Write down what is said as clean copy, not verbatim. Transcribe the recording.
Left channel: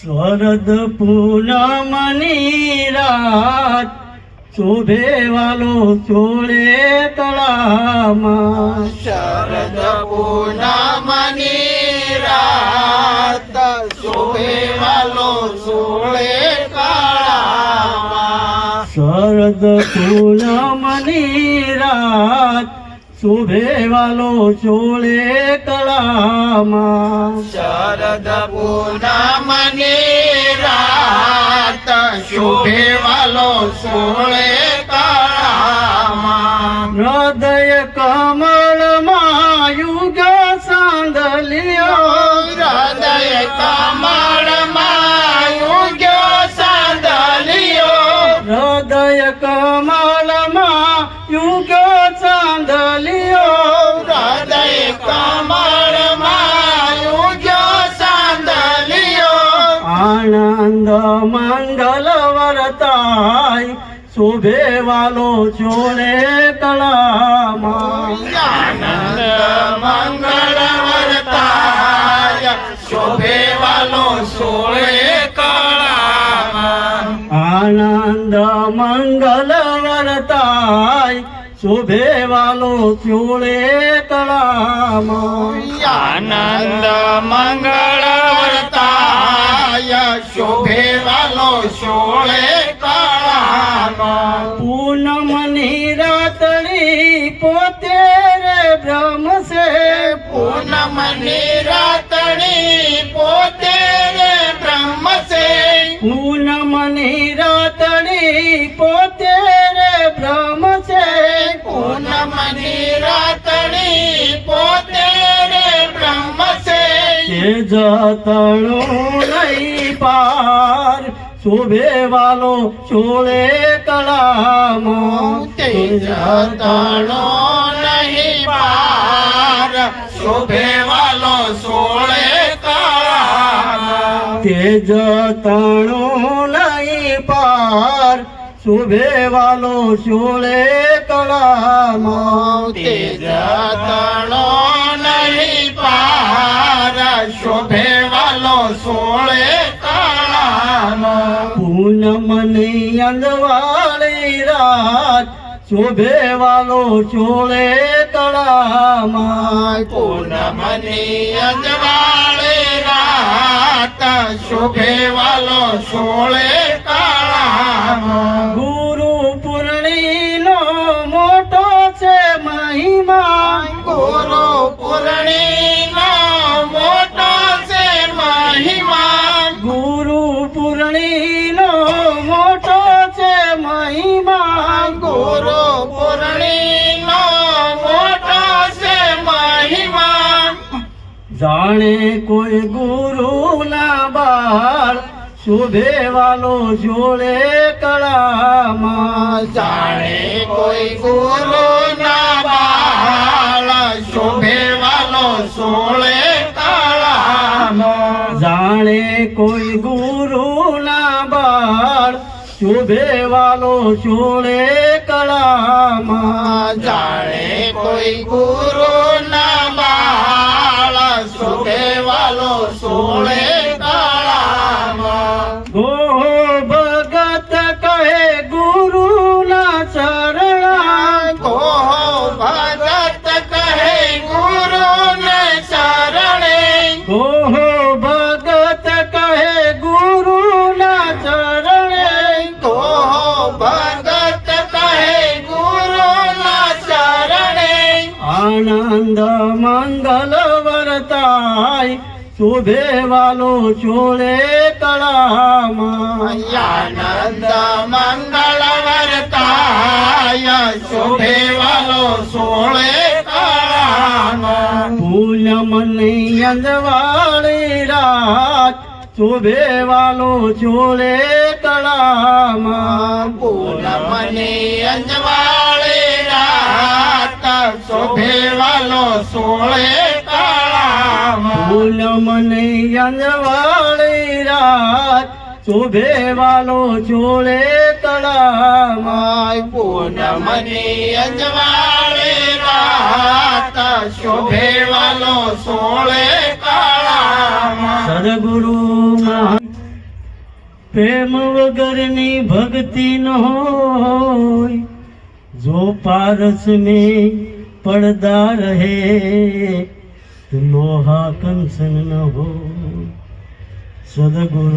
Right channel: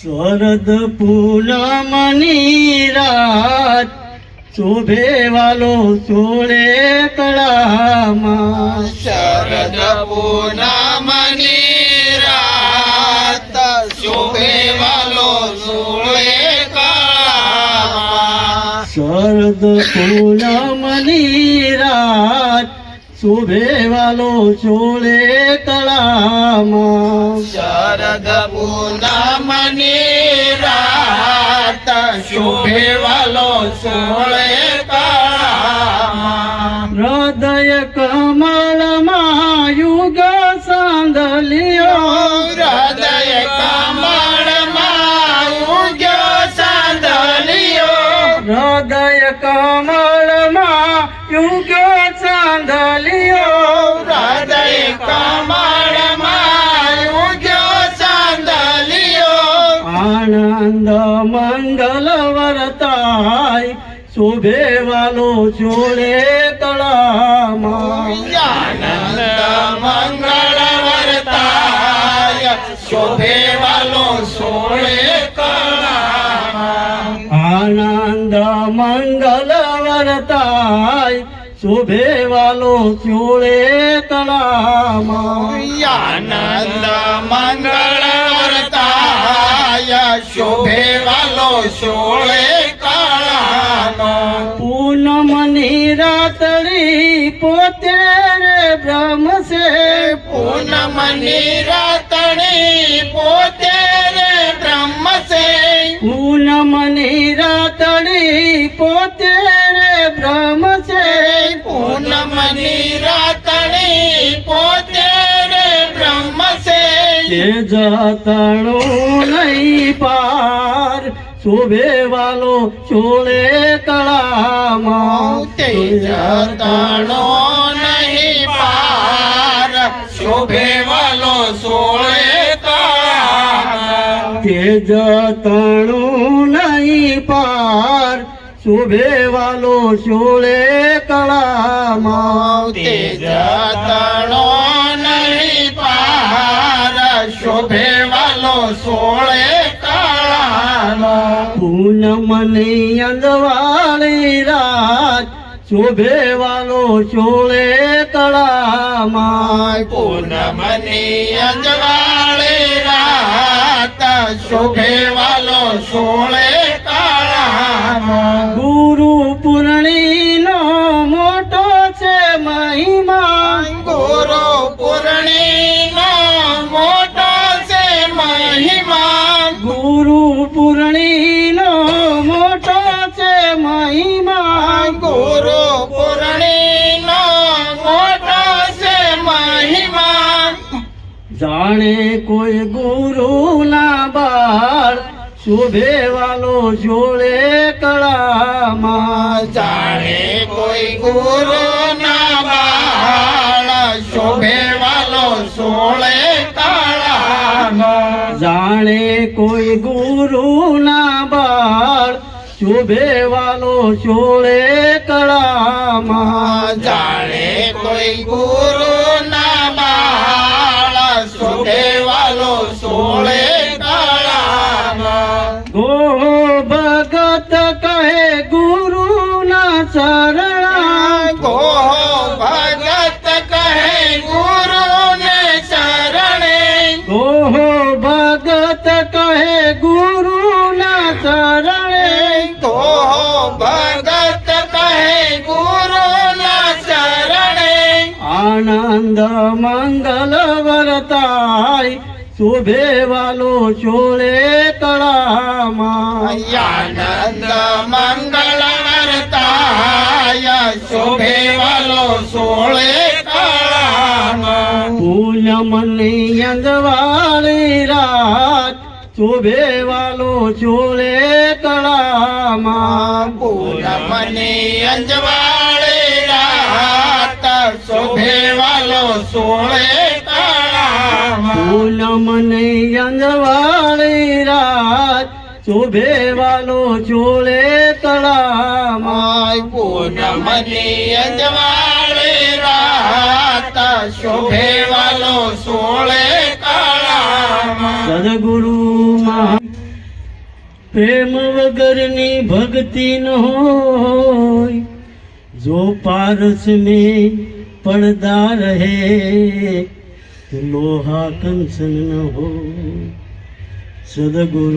શરદ પૂનમની રાત શોભે વાલો ચોળે કળામાં. શરદ પૂનમની રાત શોભે વાલો ચોળે કળામાં. શરદ પૂનમની રાત શોભે વાલો ચોળે કળામાં. શરદ પૂનમની રાત શોભે વાલો ચોળે કળામાં. હૃદય કમળમાં યુગ સાંદલિયો. હૃદય કમળમાં ઉગ્યો સાંદલિયો. હૃદય કમળમાં યુગ સાંદલિયો. હૃદય કમળમાં ઉગ્યો સાંદલિયો. આનંદ મંગલ વરતાય શોભે વાલો ચોળે કળામાં. આનંદ મંગળ વર્તાય શોભે વાલો ચોળે કળામાં. આનંદ મંગલ વરતાય શોભે વાલો ચોળે કળામાં. આનંદ મંગળ વર્તાય શોભે વાલો ચોળે કળામાં. પૂનમની રાતડી પોતે રે બ્રહ્મ છે. પૂનમની રાતડી પોતે રે બ્રહ્મ છે. પૂનમની રાતડી પોતે રે બ્રહ્મ છે. પૂનમની રાતડી પોતે રે બ્રહ્મ છે. તે જતણું નહીં પાર શોભે વાલો ચોળે કળામાં. તે જતણો નહીં પાર શોભે વાલો ચોળે કળામાં. તે જતણું નહીં પાર શોભે વાલો ચોળે કળામાં. તે જતણો નહીં પાર શોભે વાલો ચોળે કળામાં. પૂનમની અંદવાળી રાત શોભે વાલો ચોળે કળામાં. પૂનમની અંજવાળે રાત શોભે વાલો ચોળે કળામાં. ગુરુ પૂર્ણિનો મોટો છે મહિમા. ગુરુ પૂર્ણિનો મોટો છે મહિમા. ગુરુ પૂર્ણિનો મોટો છે મહિમા. ગુરુ પૂર્ણિનો મોટો છે મહિમા. જાણે કોઈ ગુરુ ના બાળ શોભે વાલો ચોળે કળામાં. જાણે કોઈ ગુરુ ના બાળ શોભે વાલો ચોળે કળામાં. જાણે કોઈ ગુરુ ના બાળ શોભે વાલો ચોળે કળામાં. જાણે કોઈ ગુરુ ના બાળ શોભે વાલો ચોળે કળામાં. ગો ભગત કહે ગુરુ ના ચરણા. ગો ભગત કહે ગુરુ ને શરણે. ગો ભગત કહે ગુરુ ના ચરણે. ગો ભગત કહે ગુરુ ના શરણે. આનંદ મંગલ વરતાય શોભે વાલો ચોળે કળામાં. આનંદ મંગળ વર્તાય શોભે વાલો ચોળે કળામાં. પૂનમની અંદવાળી રાત શોભે વાલો ચોળે કળામાં. પૂનમની અંજવાળે રાત શોભે વાલો ચોળે કળામાં. પૂનમની અંદવાળી રાત શોભે વાલો ચોળે કળામાં. પૂનમની અંજવાળે રાત રાત શોભે વાલો સોળે કળામાં સદગુરુમાં પ્રેમ વગરની ભક્તિ ન હોય જો પારસ में પડદા રહે તો લોહા કંચન ન હોય સદગુરુ